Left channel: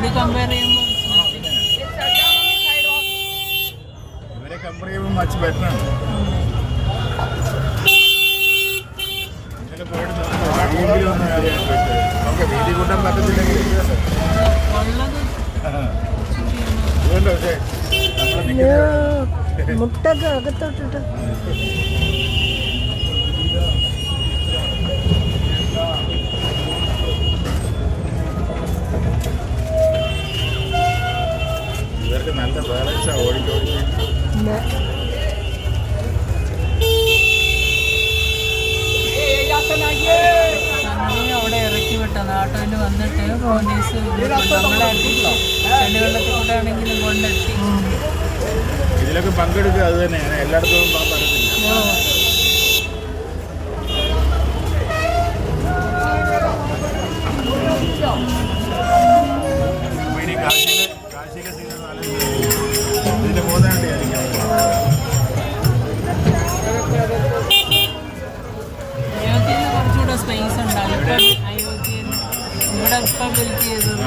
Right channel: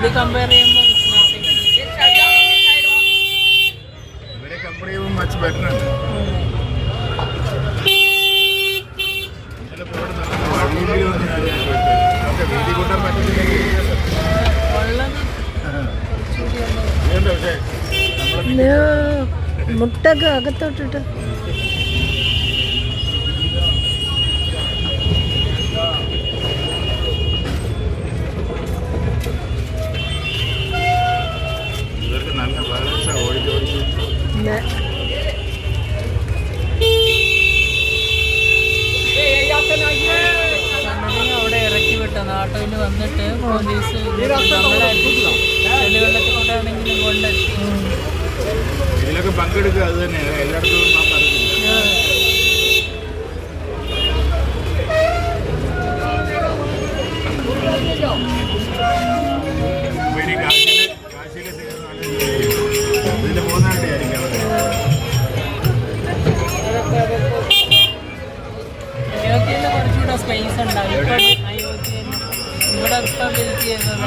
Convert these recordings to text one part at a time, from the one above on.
ഇത് കമ്പയർ ചെയ്യുമ്പോൾ ഇവരെ കമ്പയർ ചെയ്യുമ്പോൾ മച്ച് ബെറ്റർ ആണ്. വീട്ടിൽ കൂട്ടാൻ പറ്റത്തില്ലെങ്കിൽ മുട്ടൊക്കെ അകത്തോട്ടിട്ട് ഇവർക്ക് നല്ല ബാലൻസാണ് ഓടിക്കോടി. അവിടെ ഇറക്കി വിട്ട നാട്ടിൽ വന്നിട്ട് പോലീസ് വെള്ളത്തിൽ കൂടെ ആണെങ്കിലും കൊണ്ടെത്തി. ഇതിലൊക്കെ പങ്കെടുക്കുക അത് തന്നെയാണ്, എല്ലായിടത്തും പോകാൻ പറഞ്ഞില്ല. ഇതിന് പോകുന്നതായിട്ട് അയോധ്യയിൽ കുറച്ചുകൂടെ സ്പേസ് ഉണ്ടാകും. അയോധ്യയിൽ ഇവിടെ ഇപ്പം ബിൽറ്റ് ചെയ്തത്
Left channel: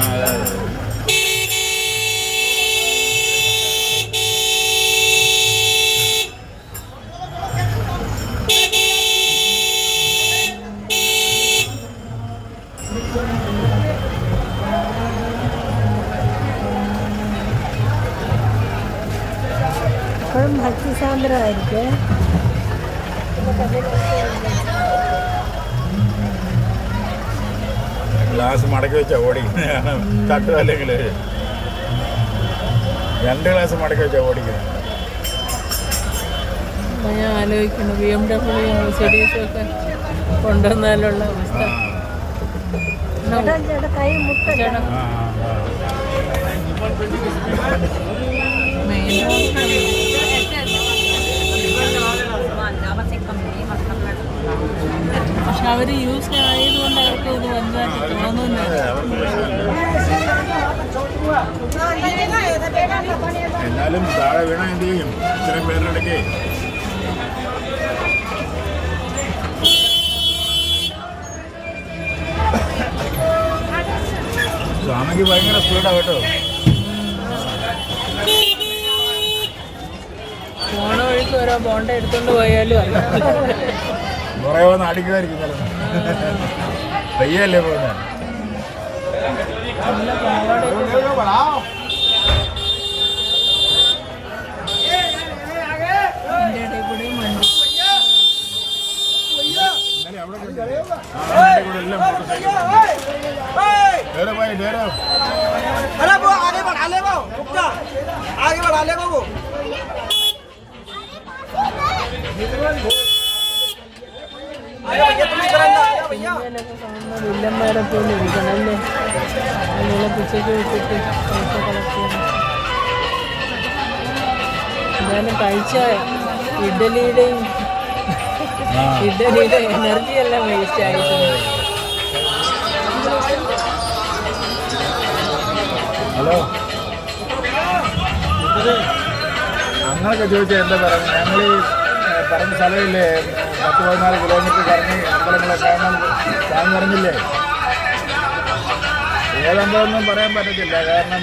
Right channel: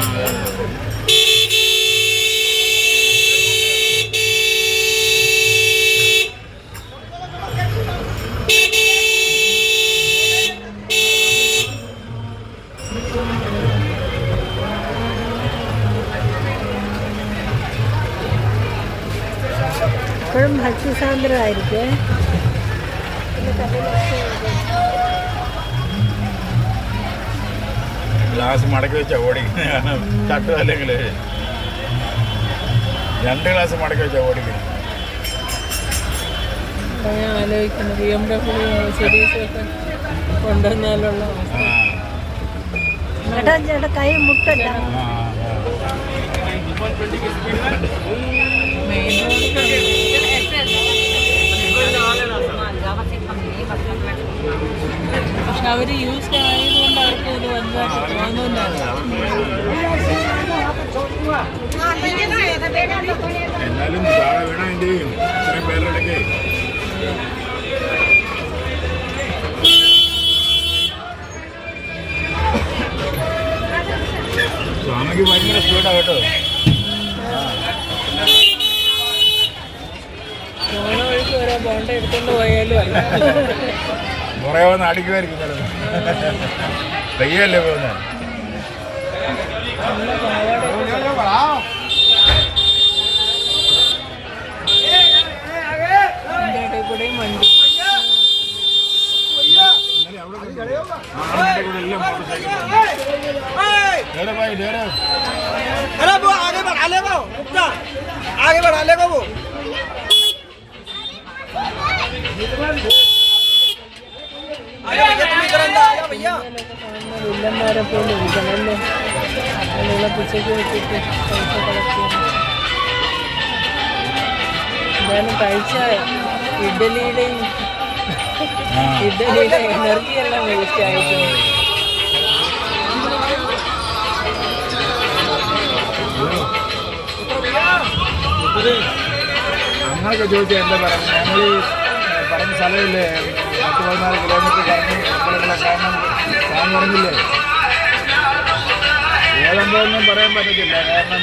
എപ്പോഴും ഭക്തിസാന്ദ്രമായിരിക്കും. ഗ്ലാസ് മടക്കി വെച്ചാൽ ഓടിക്കുന്നതാണ്. തട്ടും അല്ലെങ്കിൽ 2 ഗ്ലാസ് മടക്കി വെച്ചാൽ ഓടിക്കുന്നത്. ഞാൻ ആലോചിക്കുന്നു BMW മെർസിഡീസൊക്കെ കൊണ്ടുവന്നാലുള്ള അവസ്ഥ. ചേട്ടാ കൈ മുട്ടല്ല. മെയിൻ റോഡ് പക്ഷെ അവർ യൂസ്ഡ് ആയതുകൊണ്ട് അവർക്ക് ഇത് വലുതായിട്ട് തോന്നുന്നില്ല. എന്നാലും താഴെ വീണ എന്ത് ചെയ്യും? ഇത്രയും പേരുടെ ഇടയ്ക്ക് സ്വാമിക്ക് ഭയങ്കര സ്പീഡാണ് കേട്ടോ. പോണ വഴിക്ക് ഓരോ ബോണ്ട എടുത്തോണ്ട് പോയാലും അല്ല കുറേ വന്ന് അടിക്കുമായിരിക്കും. പയ്യല്ലേ പോകുന്നത്. കൂടെയും വണ്ടി വില്ലന്മാരെ പോലെ ഇരിക്കണല്ലേ. അതിനുള്ള പിച്ചയ്ക്ക് വെച്ചിട്ട് പൈസ കളക്ട് ചെയ്യണം. എന്തായാലും കഴിച്ച ഇഡ്ഡലിയുടെ എനർജി എല്ലാം വേസ്റ്റ് ആയിരിക്കും. ഹലോ, അങ്ങനൊക്കെ ചോദിച്ചാൽ എന്താ പറയുന്നത്? ഞങ്ങൾ ഈ പറഞ്ഞ സ്ഥലമില്ലേ 10-14 കിലോമീറ്റർ കറങ്ങി അമ്പലങ്ങളെ കാണാൻ പറഞ്ഞില്ലേ? ഏതമ്പലമൊന്നും പറയാൻ പറ്റത്തില്ല. കാരണം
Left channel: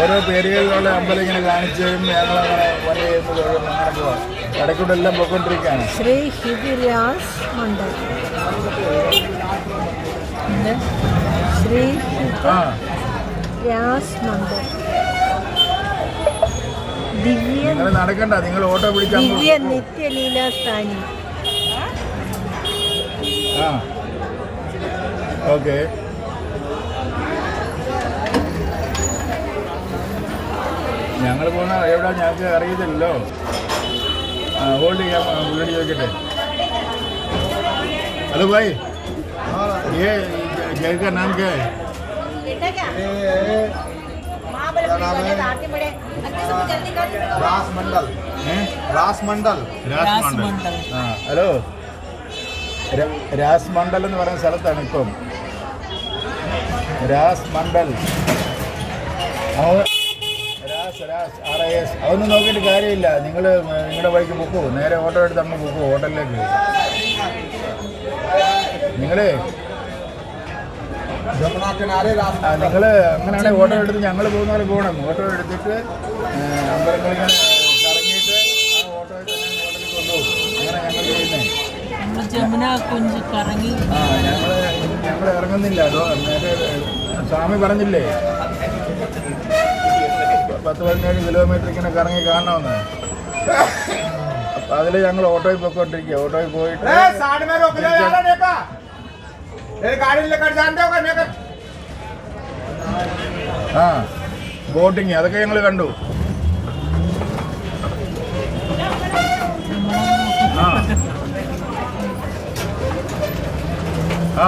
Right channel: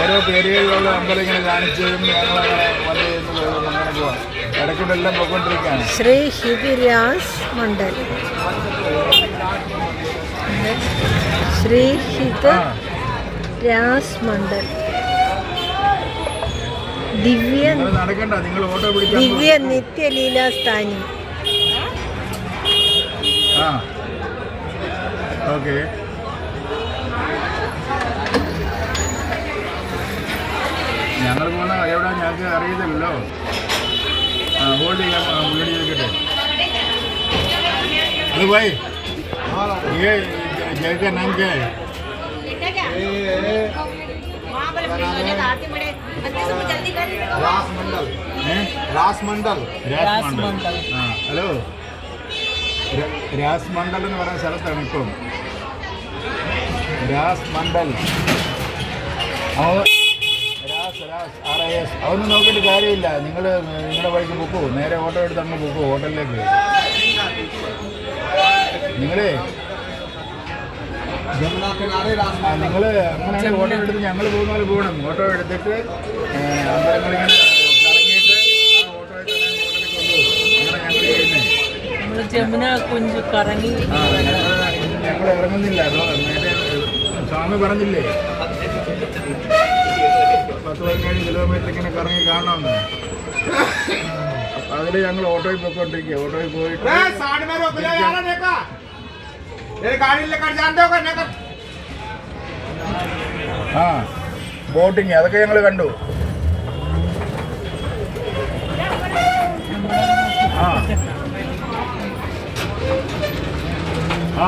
ഓരോ പേരുകളിലുള്ള അമ്പലം ഇങ്ങനെ കാണിച്ചും ഞങ്ങളങ്ങനെ വന്നു ചെയ്യുന്നത് അങ്ങനെ പോവാം. ഇടയ്ക്കൂടെ എല്ലാം പോയിക്കൊണ്ടിരിക്കുകയാണ്. ശ്രീ ഹിതിരാസ് മണ്ഡൽ. ശ്രീ ഹിതിരാസ് മണ്ഡൽ. നടക്കണ്ട, നിങ്ങൾ ഓട്ടോ പിടിച്ച ദിവ്യ നിത്യലീലാസ്ഥാനി. ആ ഓക്കെ. ഞങ്ങൾ പോകുന്ന എവിടെ ഞങ്ങൾക്ക് അറിയത്തില്ലല്ലോ. ഹോൾഡ് ചെയ്യാൻ വീട് ചോദിക്കട്ടെ. ഹലോ ഭാई, ये जगह का नाम क्या है? രാസ്മണ്ഡൽ. ഹലോ, രാസ്മണ്ഡൽ എന്ന് പറയുന്ന സ്ഥലത്താണ് ഇപ്പം. രാസ്മണ്ഡൽ RIS അതൊന്നും നോക്കിയിട്ട് കാര്യമില്ല. നിങ്ങൾ നിങ്ങളുടെ വഴിക്ക് പൊക്കോ, നേരെ ഓട്ടോ എടുത്ത് അങ്ങ് പൊക്കോ ഹോട്ടലിലേക്ക്. നിങ്ങളെ നിങ്ങൾ അങ്ങനെയാണെങ്കിൽ ഓട്ടോ എടുത്ത് ഞങ്ങൾ പോകുന്ന പോലെ പോകണം. ഓട്ടോ എടുത്തിട്ട് അമ്പലങ്ങളിങ്ങനെ കറങ്ങിയിട്ട് ആ ഓട്ടോയിൽ തന്നെ ഹോട്ടലിൽ കൊണ്ടുപോകും. അങ്ങനെ ഞങ്ങൾ ചെയ്യുന്നത്. നമ്മൾ ജമുന കുഞ്ച് കറങ്ങി. ഞങ്ങൾ ഇറങ്ങുന്നില്ല. അതോ നേരെ സ്വാമി പറഞ്ഞില്ലേ 10-15 കിലോമീറ്റർ ഇങ്ങനെ കറങ്ങി കാണണമെന്ന്. അതിൽ ഞങ്ങൾ ഓട്ടോയിൽ പോയിക്കൊണ്ടിരിക്കുക. ഓട്ടോയിൽ പോയിട്ട് ആ ബോട്ടിങ് അതൊക്കെ ഞങ്ങൾ കണ്ടു. ആ ആ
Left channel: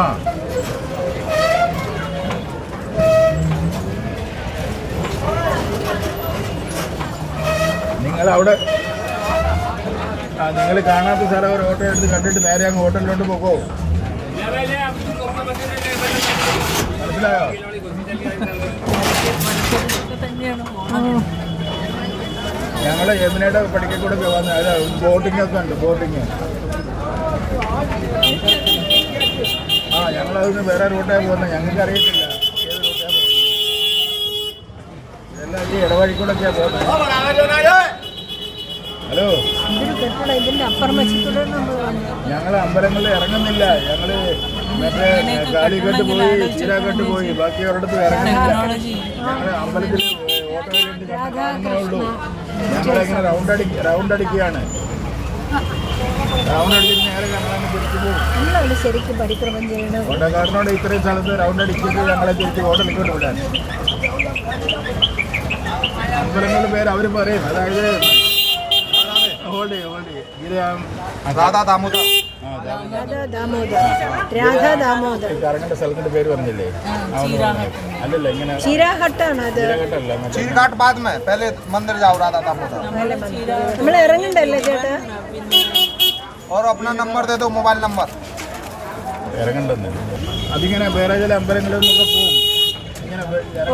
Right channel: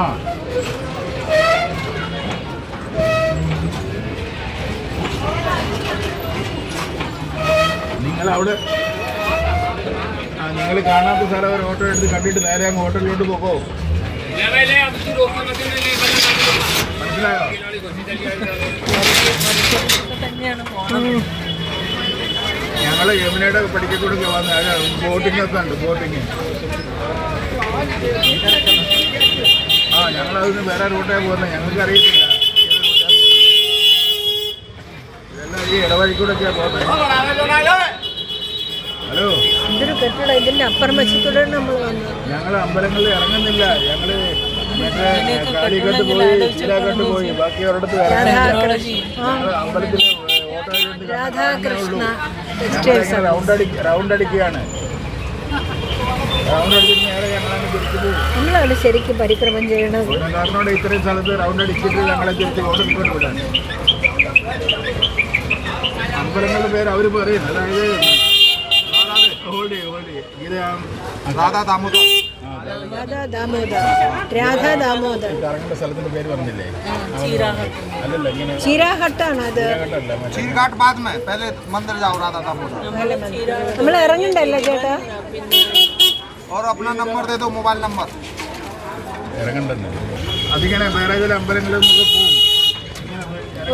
നിങ്ങളവിടെ നിങ്ങൾ കാണാത്ത സ്ഥലം ഒരു ഓട്ടോ എടുത്ത് കണ്ടിട്ട് നേരെ അങ്ങ് ഹോട്ടലിലോട്ട് പോകോ. മനസ്സിലായോ? തന്നെയാണ് പോകണം. ഞങ്ങൾ യമുനയുടെ പഠിക്കൂടെ വന്ന് ബോട്ടിംഗ് ഒക്കെ ഉണ്ട്. ബോട്ടിങ് ആ ഞങ്ങളതൊന്ന് വേറെ റൂട്ടാണ് പോകുന്നത്. ഞങ്ങൾക്ക് അറിയത്തില്ല ഏത് റൂട്ടാണ് പോകുന്നത്. ഇതെല്ലാം ഈ ഇടവഴിക്കൂടൊക്കെയാണ് പോകുന്നത്. ഹലോ, ഇതൊരു കെട്ടിടം. ഇതിന്റെ അപ്പുറം വശത്തൂടെ നമ്മൾ വന്നു. ഞങ്ങൾ അമ്പലങ്ങളിൽ ഇറങ്ങുന്നില്ല. ഞങ്ങൾ മറ്റേ കാലിക്കട്ട് പോയി ചീരാക്കട്ട് പോയി ബാക്കി ഒരിടത്ത് ഇറങ്ങുന്നില്ല. ഞങ്ങൾ അമ്പലത്തിൽ ഓട്ടോയിൽ രാധാകൃഷ്ണ ഞങ്ങളിങ്ങനെ റൗണ്ട് അടിക്കുകയാണ്. റൗണ്ട് അടിച്ചിട്ട് നേരെ ഞങ്ങളങ്ങ് തിരിച്ചു പോകും. നമ്മളവിടെ ശരിക്കും പരിക്രമം ചെയ്യണം. ഓട്ടോക്കാരനോട് ഇത്രയും സ്ഥലത്ത് റൗണ്ട് അടിച്ചിട്ട് ഞങ്ങളെ തിരിച്ച് ഹോട്ടലിലോട്ട് വിടാൻ. അമ്പലങ്ങളുടെ പേര് അവർ പറയും. അതായത് രാധാ ദാമോദർ. രാധാ ദാമോദർ കറങ്ങേണ്ട സ്ഥലത്തിന്റെ പേര് പറഞ്ഞില്ലേ? അല്ലല്ല ഇങ്ങനെ ചീരാഹട്ടാണ് അത്. നമ്മൾ ഇറങ്ങണ്ടല്ലേ ചേട്ടാ? ഇറങ്ങണ്ടെന്ന് അതിങ്ങനെ വേറെ ചില അമ്പലങ്ങളിൽ നിന്നൊക്കെ പോവും. ഇങ്ങനെ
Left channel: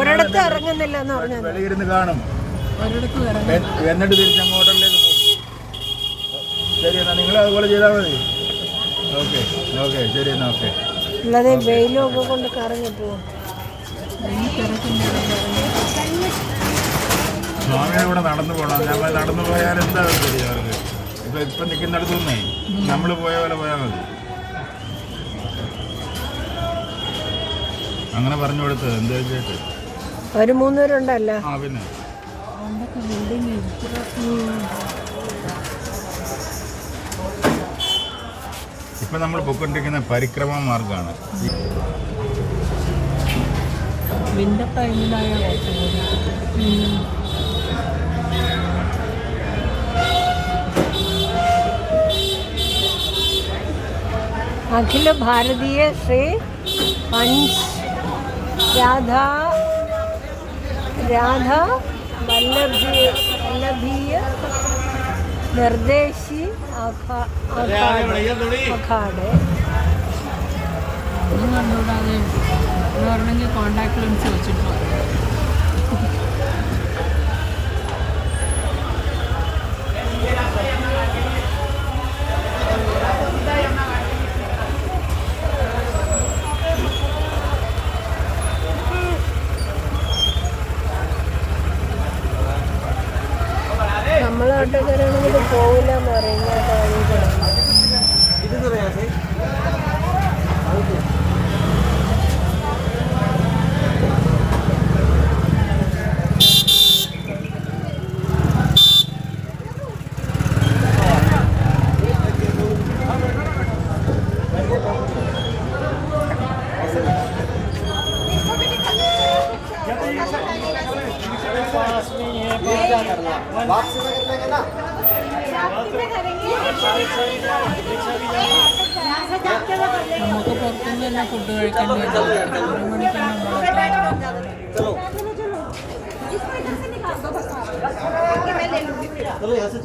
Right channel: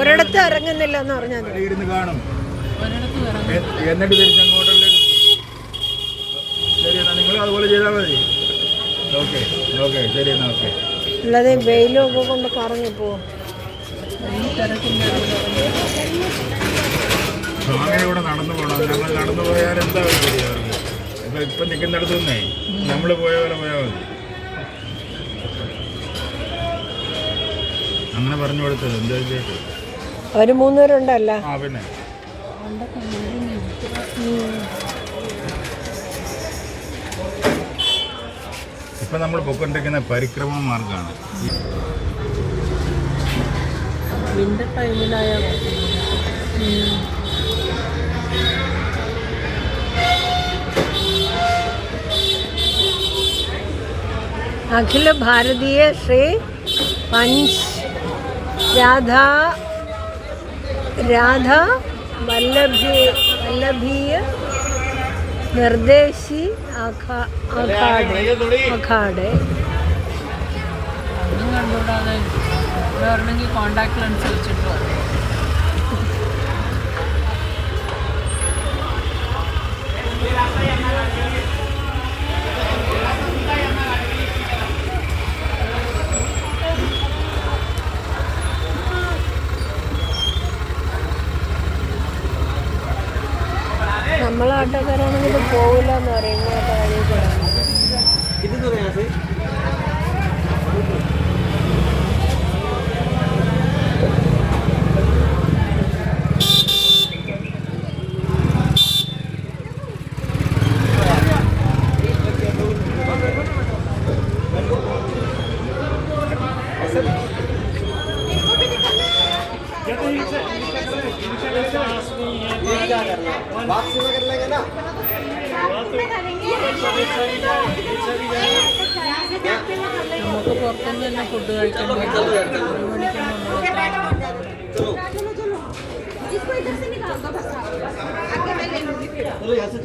ഒരിടത്ത് ഇറങ്ങുന്നില്ല എന്ന് പറഞ്ഞാൽ ഇരുന്ന് കാണും. എന്നിട്ട് തിരിച്ചങ്ങോട്ടിലേക്ക് പോകും. ശരി എന്നാ നിങ്ങൾ അതുപോലെ ചെയ്താൽ മതി. ഓക്കെ ഓക്കെ ശരി എന്നാ ഓക്കെ. അല്ലാതെ വെയിലൊക്കെ കൊണ്ട് കറങ്ങി പോവും. സ്വാമിയുടെ കൂടെ നടന്നു പോകണം. നമ്മൾ നടന്നു പോയാൽ എന്താ ശരിയാവും? ഇപ്പം നിൽക്കുന്നിടത്തു നിന്നേ നമ്മൾ പോയ പോലെ പോയാൽ മതി. അങ്ങനെ പറഞ്ഞു കൊടുത്തത് എന്ത് വെച്ചിട്ട് അവർ 3 പേരുണ്ടല്ല. ആ പിന്നെ ഇപ്പം നമ്മൾ പോയിക്കൊണ്ടിരിക്കുന്ന പരിക്രമ മാർഗമാണ്. വിന്റർ ടൈമിലായ അഖില ഭാരതീയ ശ്രീ പഞ്ച് രാധാ വല്ലഭീയ നിർദ്ദേശി അഖാഡെ. അതൊന്നും കണ്ടുകൂടാതെ വരണമെങ്കിൽ കോണ്ടാക്ട് ലെൻസ് വെച്ചിട്ട് വരണം. നമ്മളാട്ടക്കാരാണെങ്കിൽ പോവില്ല എന്ന് പറയും. ഞാൻ വഴി കൂടെ നമുക്ക് പുറത്തുനിന്ന് തന്നെ ഫുഡ് കഴിക്കാൻ പറ്റും. 1 മണിക്ക് നമ്മൾ